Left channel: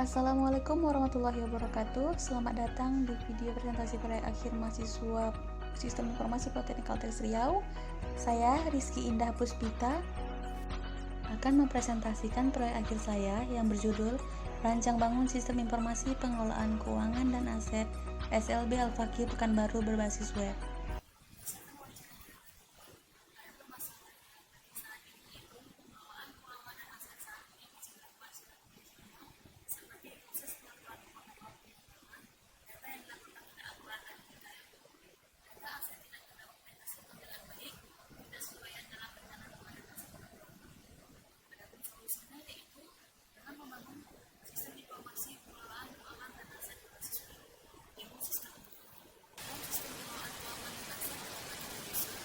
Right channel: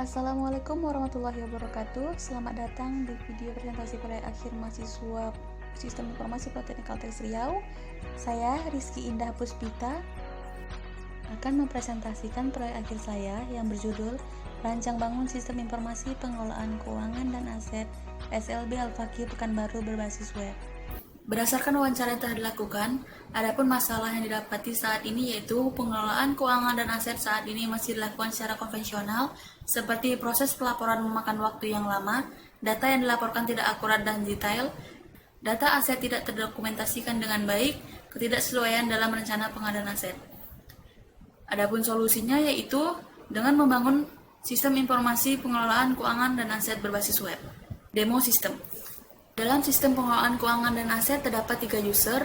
Assalamualaikum warahmatullahi wabarakatuh. Selamat datang di video presentasi proyek akhir mahasiswa Sistem Informasi Politeknik Kalteng Riau. Saya Rizky Indah Puspita akan mempresentasikan proyek akhir saya yang berjudul Rancang Bangun Sistem Informasi Pengelolaan Keuangan dan Aset SLB Al-Fakih Pekanbaru berbasis web. Berdasarkan wawancara yang telah dilakukan, adapun masalah yang didapati saat ini yaitu pengelolaan keuangan dan aset saat ini masih dilakukan secara konvensional, seperti proses pelaporan memakan waktu yang lama, data yang dilaporkan tidak akurat dan detail, data aset tidak terdokumentasikan dengan baik, ketidaksesuaian dalam rencana pengadaan aset. Adapun solusinya yaitu dengan membangun sistem informasi pengelolaan keuangan dan aset berbasis web. Demo sistem. Dalam sistem pengelolaan keuangan dan aset terdapat 3 user,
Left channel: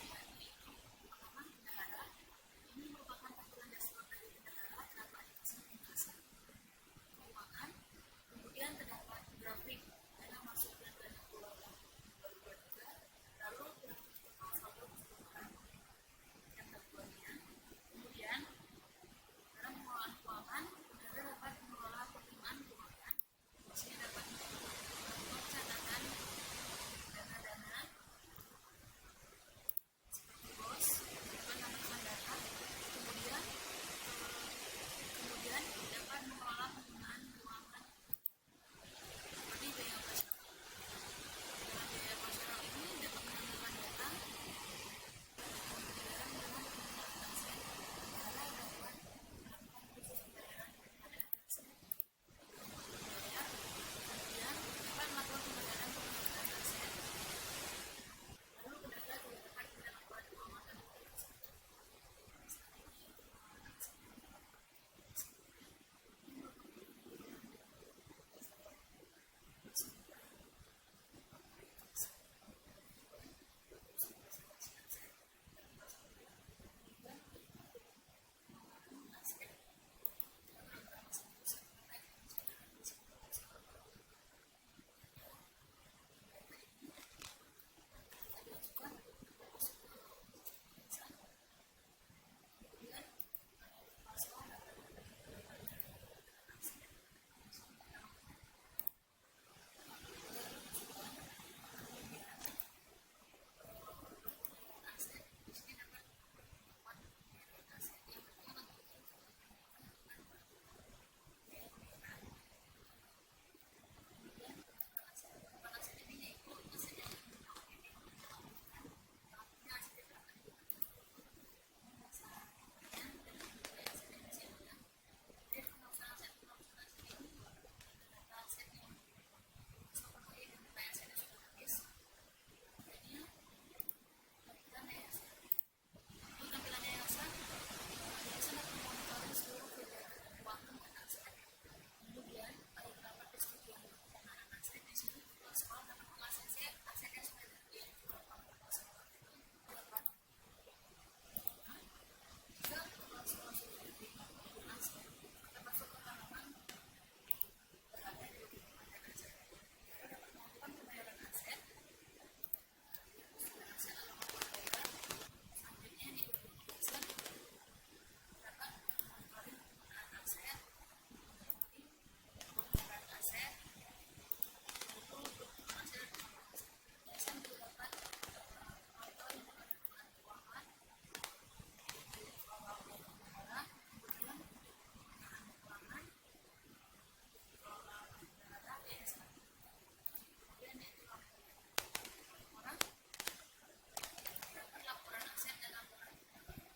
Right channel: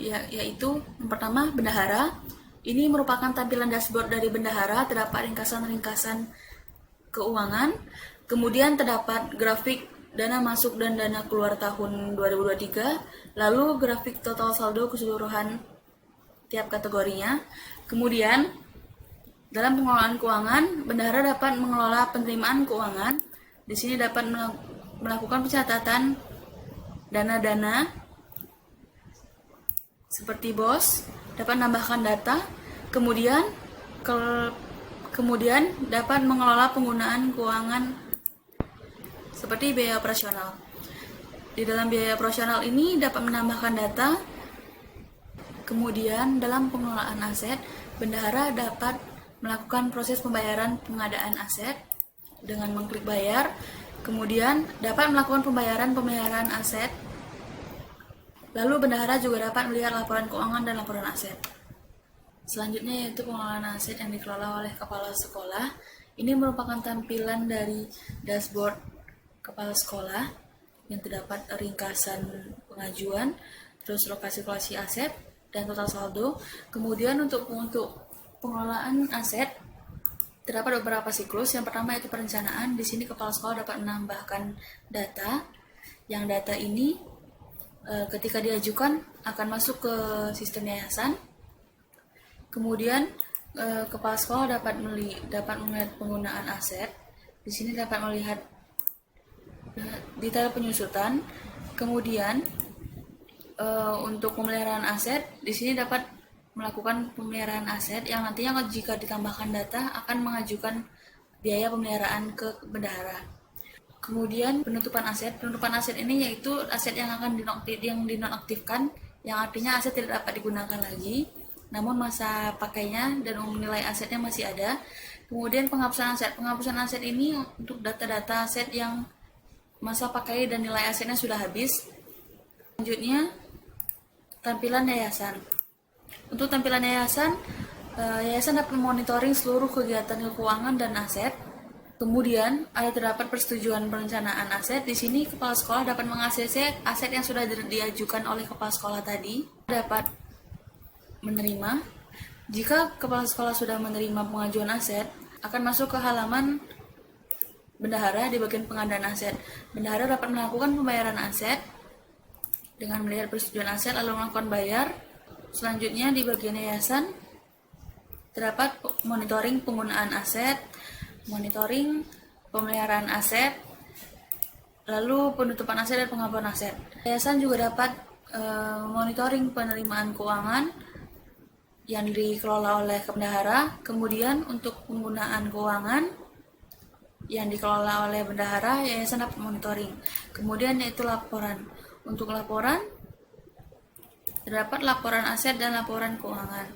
yaitu yang pertama bendahara. Ini merupakan tampilan dashboard dari bendahara, terdapat ringkasan-ringkasan keuangan. Kemudian terdapat grafik dana masuk dan dana keluar tahun 2023, lalu grafik total saldo keseluruhan tiap kategorinya. Kemudian dalam pengelolaan keuangan, bendahara dapat mengelola penerimaan keuangan. Di sini dapat melakukan pencatatan dana-dana seperti BOS, dapat menambahkan data, kemudian dapat mengelola penggunaan keuangan seperti biaya operasional. Di dalam biaya operasional ini dapat menambahkan data. Kemudian dalam pengelolaan aset, bendahara dapat melakukan proses pembayaran pengadaan aset dengan mengklik bayar. Kemudian dapat melakukan pembayaran aset. Lalu bendahara juga dapat melihat laporan keuangan dan laporan aset. Selanjutnya yaitu pengelolaan aset yang dikelola oleh kepala sekolah. Ini merupakan tampilan dari dashboard kepala sekolah yang terdapat ringkasan pengajuan, terus lokasi-lokasi aset dan total saldo. Kemudian untuk pengelolaan aset terdapat beberapa siklus. Yang pertama yaitu perencanaan. Di sini kepala sekolah dapat menambahkan data. Yang data ini ketika diajukan akan masuk ke sistem yayasan. Kemudian kepala sekolah dapat melihat penggunaan aset. Di sini dapat melihat detail penyusutan. Kemudian untuk pemeliharaan aset, di sini dapat melakukan pemeliharaan aset yang nantinya jika ditambahkan data akan mengajukan biaya pemeliharaan ke bendahara. Kemudian penutupan aset ini yaitu aset yang akan dinonaktifkan, yang artinya aset tidak dapat digunakan lagi, namun masa pakainya dan nilai asetnya masih ada. Kemudian penghapusan aset ini untuk data-data aset yang masa pakai dan nilai asetnya sudah habis. Selanjutnya tampilan yayasan. Untuk tampilan yayasan dapat memonitoring seluruh kegiatan keuangan dan aset. Kemudian ada terdapat persetujuan perencanaan aset. Di sini kepala sekolah dapat mengakses aset yang sudah diajukan oleh kepala sekolah tadi. Dapat menerima. Jika kepala sekolah sudah menerima pengajuan aset, akan masuk ke halaman bendahara di bagian pengadaan aset. Bendahara dapat melakukan pembayaran aset dengan melihat persetujuan aset lalu melakukan bayar. Selanjutnya di bagian yayasan terdapat monitoring penggunaan aset, monitoring pemeliharaan aset, lalu penutupan aset dan penghapusan aset. Yayasan juga dapat monitoring penerimaan keuangan yang dikelola oleh bendahara. Kemudian untuk penggunaan keuangan yang dikelola oleh bendahara, yayasan dapat monitoring. Kemudian yaitu laporan. Untuk laporan terdapat laporan aset dan laporan keuangan.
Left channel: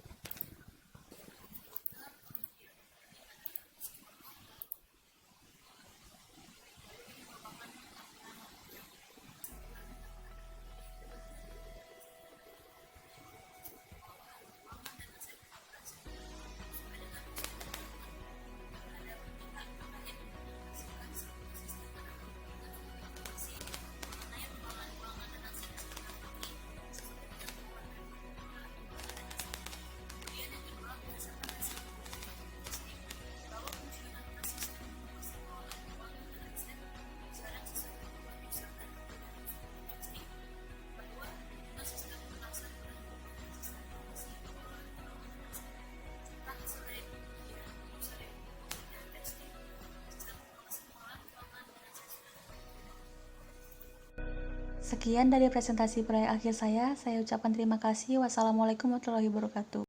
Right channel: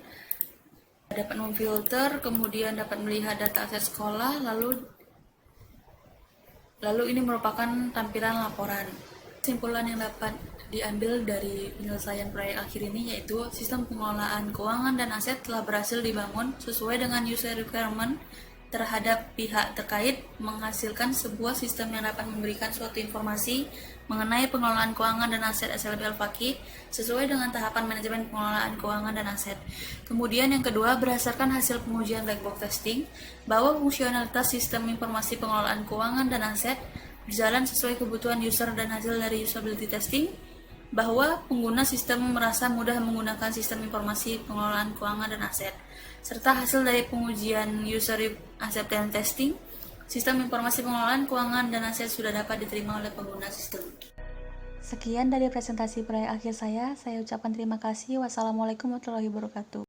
Dapat memfilter, kemudian dapat melihat data aset sekolah, lalu ini merupakan tampilan laporan. Kesimpulan yang dapat diambil dari penyelesaian proyek akhir ini yaitu sistem pengelolaan keuangan dan aset telah berhasil dibangun sesuai dengan user requirement terhadap pihak terkait, menghasilkan sebuah sistem yang dapat memberikan suatu informasi mengenai pengelolaan keuangan dan aset SLB Al-Fakih sesuai dengan tahapan manajemen pengelolaan keuangan dan aset. Kemudian yang kedua, berdasarkan hasil pengujian black box testing bahwa fungsionalitas sistem informasi pengelolaan keuangan dan aset berjalan sesuai kebutuhan user dan hasil dari usability testing bahwa pengguna sistem merasa mudah menggunakan sistem informasi pengelolaan keuangan dan aset. serta hasil dari pengujian user acceptance testing Sistem informasi pengelolaan keuangan dan aset sudah dapat diterima oleh pengguna sistem. Sekian dari presentasi proyek akhir saya ucapkan terima kasih. Wassalamualaikum warahmatullahi wabarakatuh.